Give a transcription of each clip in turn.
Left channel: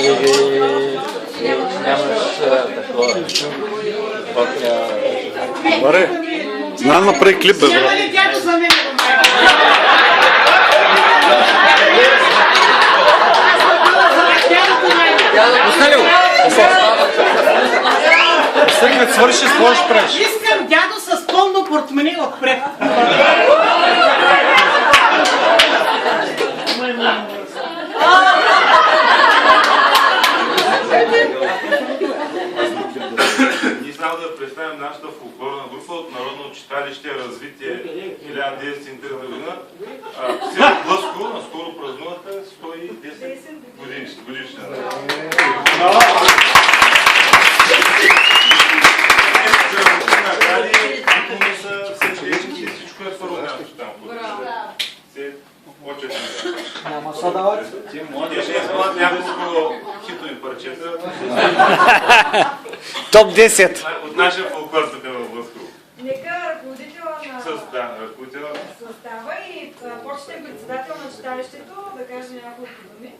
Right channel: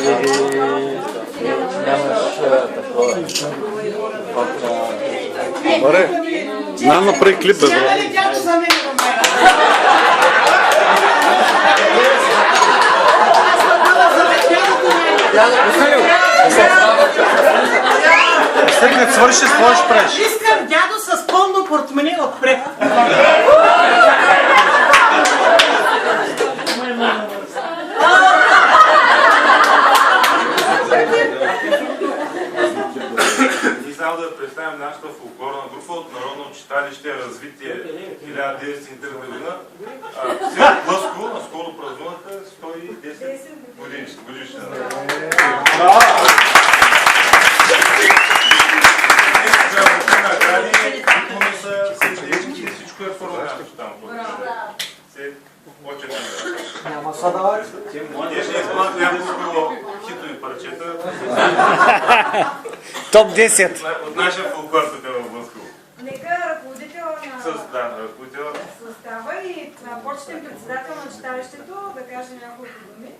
И нямаш такова. Добре, нам направи клип, бе, брат. Останил! Сега като свърши, с какво ще правиш? Искам дядо с пълно портмоне отпред. Ние само да представим нашата фолклорна група от Народно читалище Развитие 1903 година. Село Блъско наскоро празнуваха 110 годишна. Всичко е първо място там. Няма са дават. Те ще изпълнят няколко хитови парчета. Топ 10. От нашия фолклор тук в Блъско. Нека ръководител на състава и почетен председател на читалището да каже няколко думи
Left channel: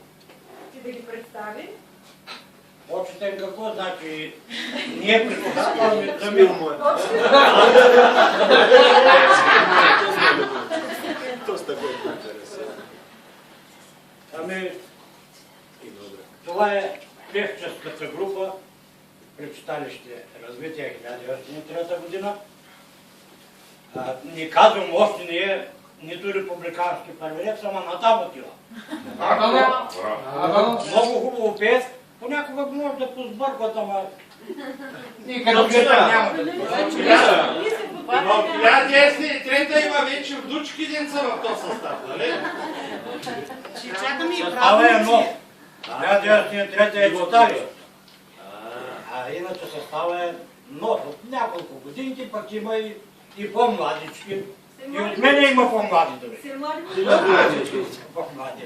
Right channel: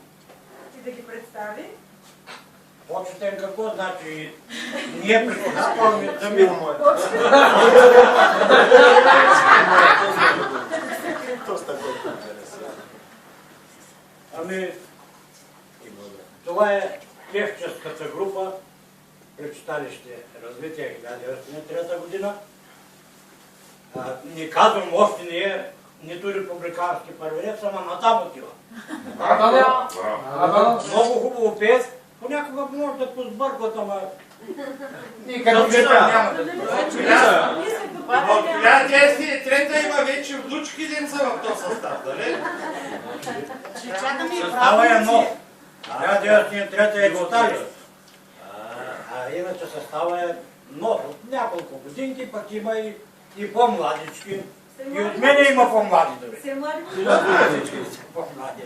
и да ги представи. Почетен какво значи? Ние председателстваме за милно е. Ами, това е певческата група при читалище Развитие 1903 година. Не казвам още не е нито републикански първенец, ама натам отива. Много хубаво пеят. Понякога може да позбъркват, ама... Никъде няма да Но 1903 има вече внучки деца в този състав, нали? Състава е нов. 1903 е читалище. А иначе състава е нов. От няколко годинки, пък има и по-младички. И от мене има по-млади дори. По-млади.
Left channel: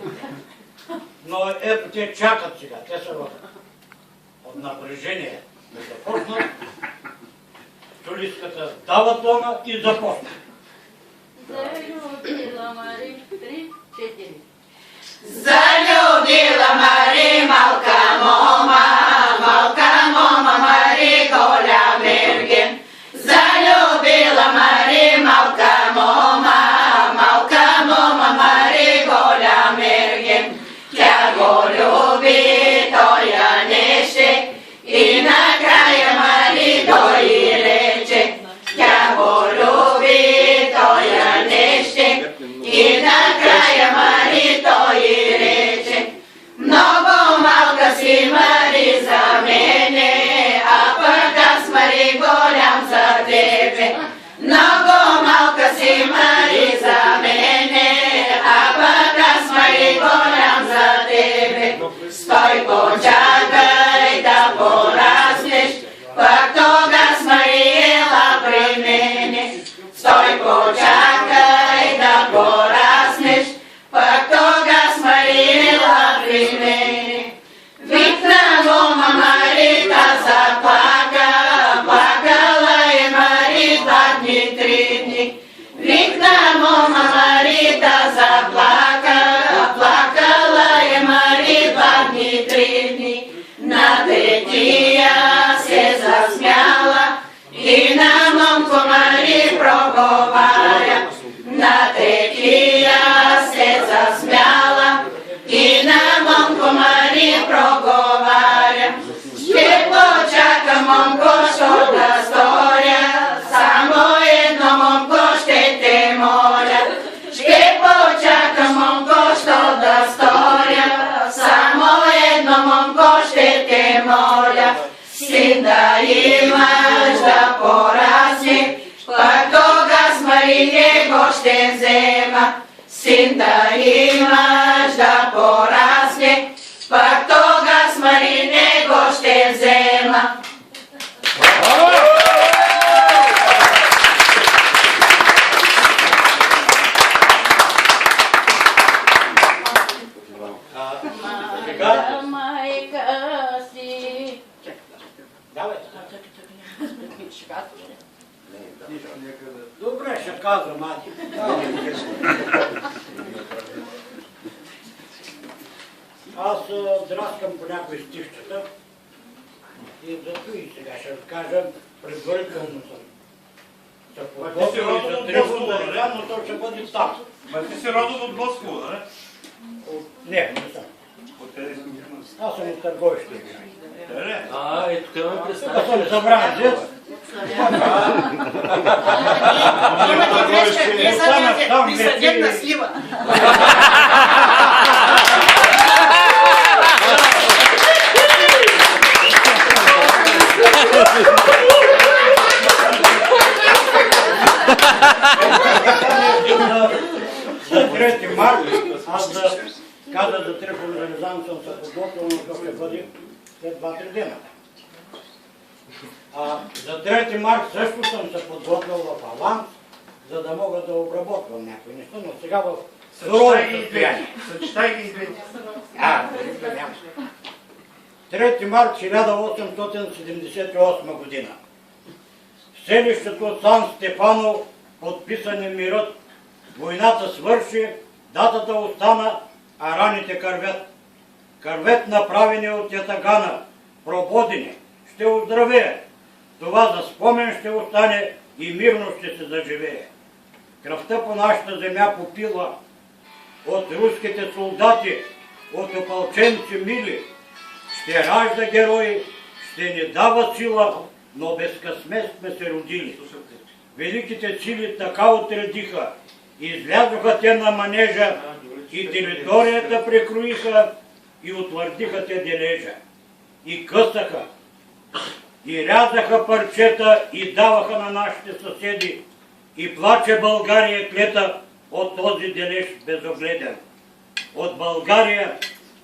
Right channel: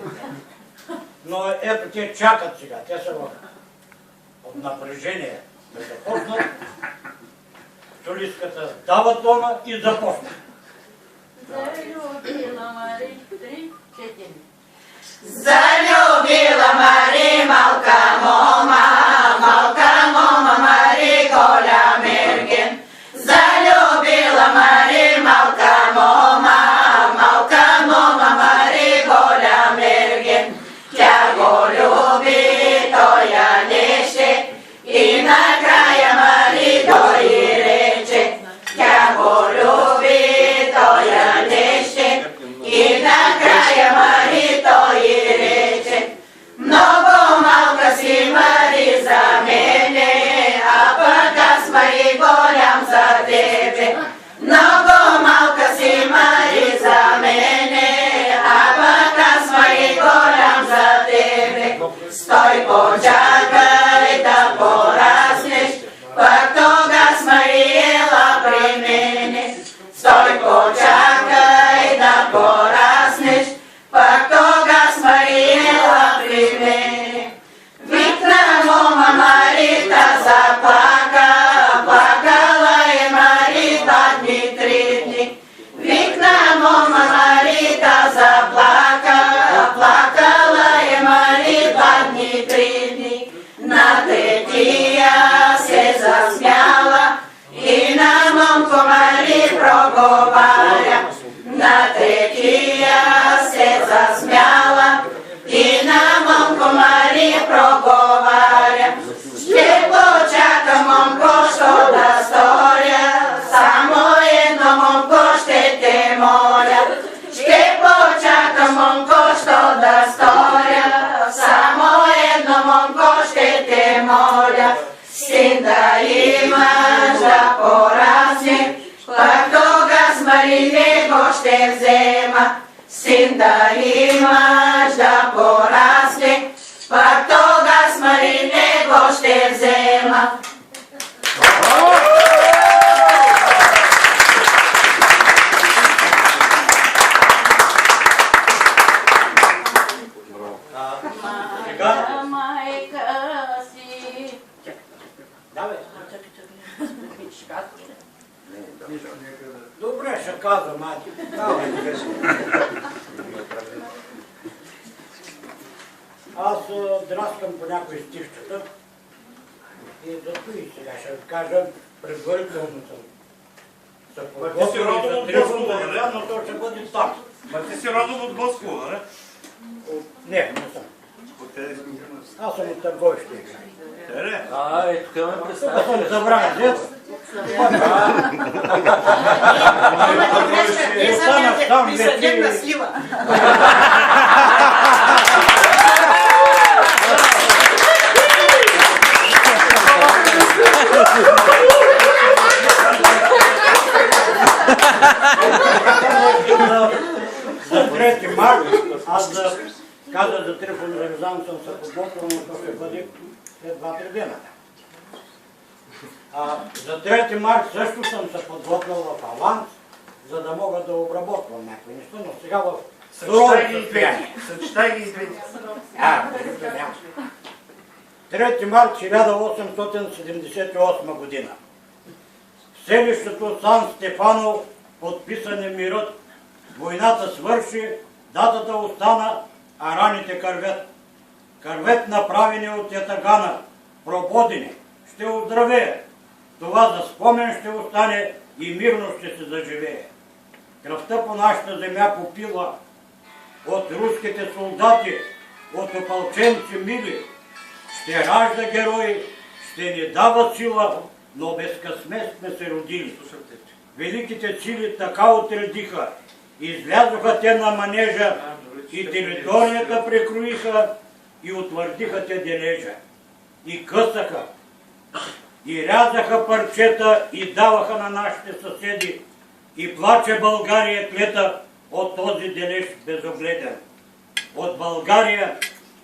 Но ето те чакат сега, те са от напрежение да започнат. Солистката дава тона и започна. Залюбила Мари, 3-4. Залюбила Мари малка мома Мари голя мерген. Залюбила Мари малка мома Мари голя мерген. Тя го люби, той я неше и накрая Мари той рече. Тя го люби, той я неше и накрая Мари той рече. Много малка си Мари за мене, а пък аз Мари голям за тебе. Много малка си Мари за мене, а пък аз Мари голям за тебе. Стой, почакай да пораснеш, пък тогас Мари ела при мене. Стой, почакай да пораснеш, пък тогас Мари ела при мене. Викна мома Марита заплака, плакала е Мари 2 дни, 3 дни. Викна мома Марита заплака, плакала е Мари 2 дни, 3 дни. На третия се засмяла и на момко Мари проговаря. На третия се засмяла и на момко Мари проговаря. Ще почака момко, що да сторя, само едно момко ще те моля. Ще почака момко, що да сторя, само едно момко ще те моля. Син да имаш да порасне, пък тогас Мари него ще взема. Син да имаш да порасне, пък тогас Мари него ще взема. Майка си. Давай. Добре, ще казвам, мати. Аз драскам по някои стихчета и зато и сега ще кажа, предварително съм се подготвил и за трибун да не дам, но то ще бъде там. Ма ти си родом от Босково, нали? Не съм. Аз съм от Търговище. Тук ме Тук представя. съм забран дет. Имате грешка, не съдете, ви съдят на слива. За 3 март, аз казах за Трифон Зарезан съм се подготвил, но то ще бъде след 2-3 дена. За 3 март също съм се подготвил в аванс, за да мога да обработвам някои неща, но сега в сурово състояние. Съчитай ги двете. 3 март 1878 година. В селището Сан Стефано подписан е мирът. Войната свърши, датата остана, а раните кървят. Кървет направени от ятагана, прободени, ще оздравее. Това за спомен ще остане и мирно ще се заживее. Кръвта по нашата земя попила от руските солдати, от опълченци мили. Ще ражда герои, ще ни дава сила, но без късмет сме се родили. Великите сили така отредиха, излязоха те на манежа и територията прекроиха и утвърдиха те дележа. И късаха, и рязаха парчета и даваха на нашите съседи. И плаче България клета от този дележ безогледен. От България,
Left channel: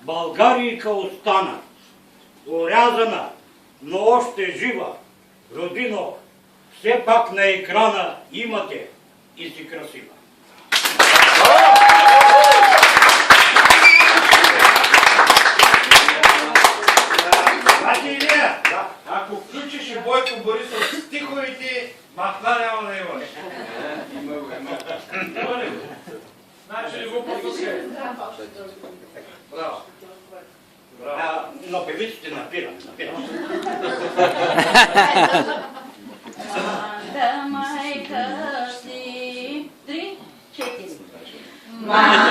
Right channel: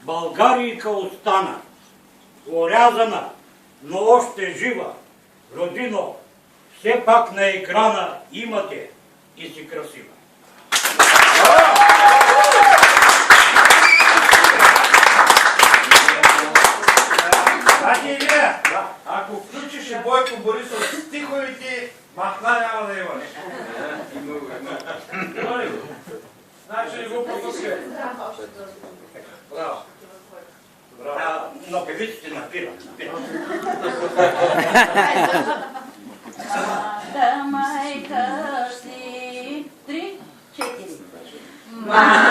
Българийка остана, орязана, но още жива. Родино, все пак на екрана имате и си красива. Значи Илия, ако включиш и Бойко Борисов стиховете, махна няма да имаш. Значи ли го послушай? Браво. Но певиците напирам. Млада майка си, 3, 4. Млада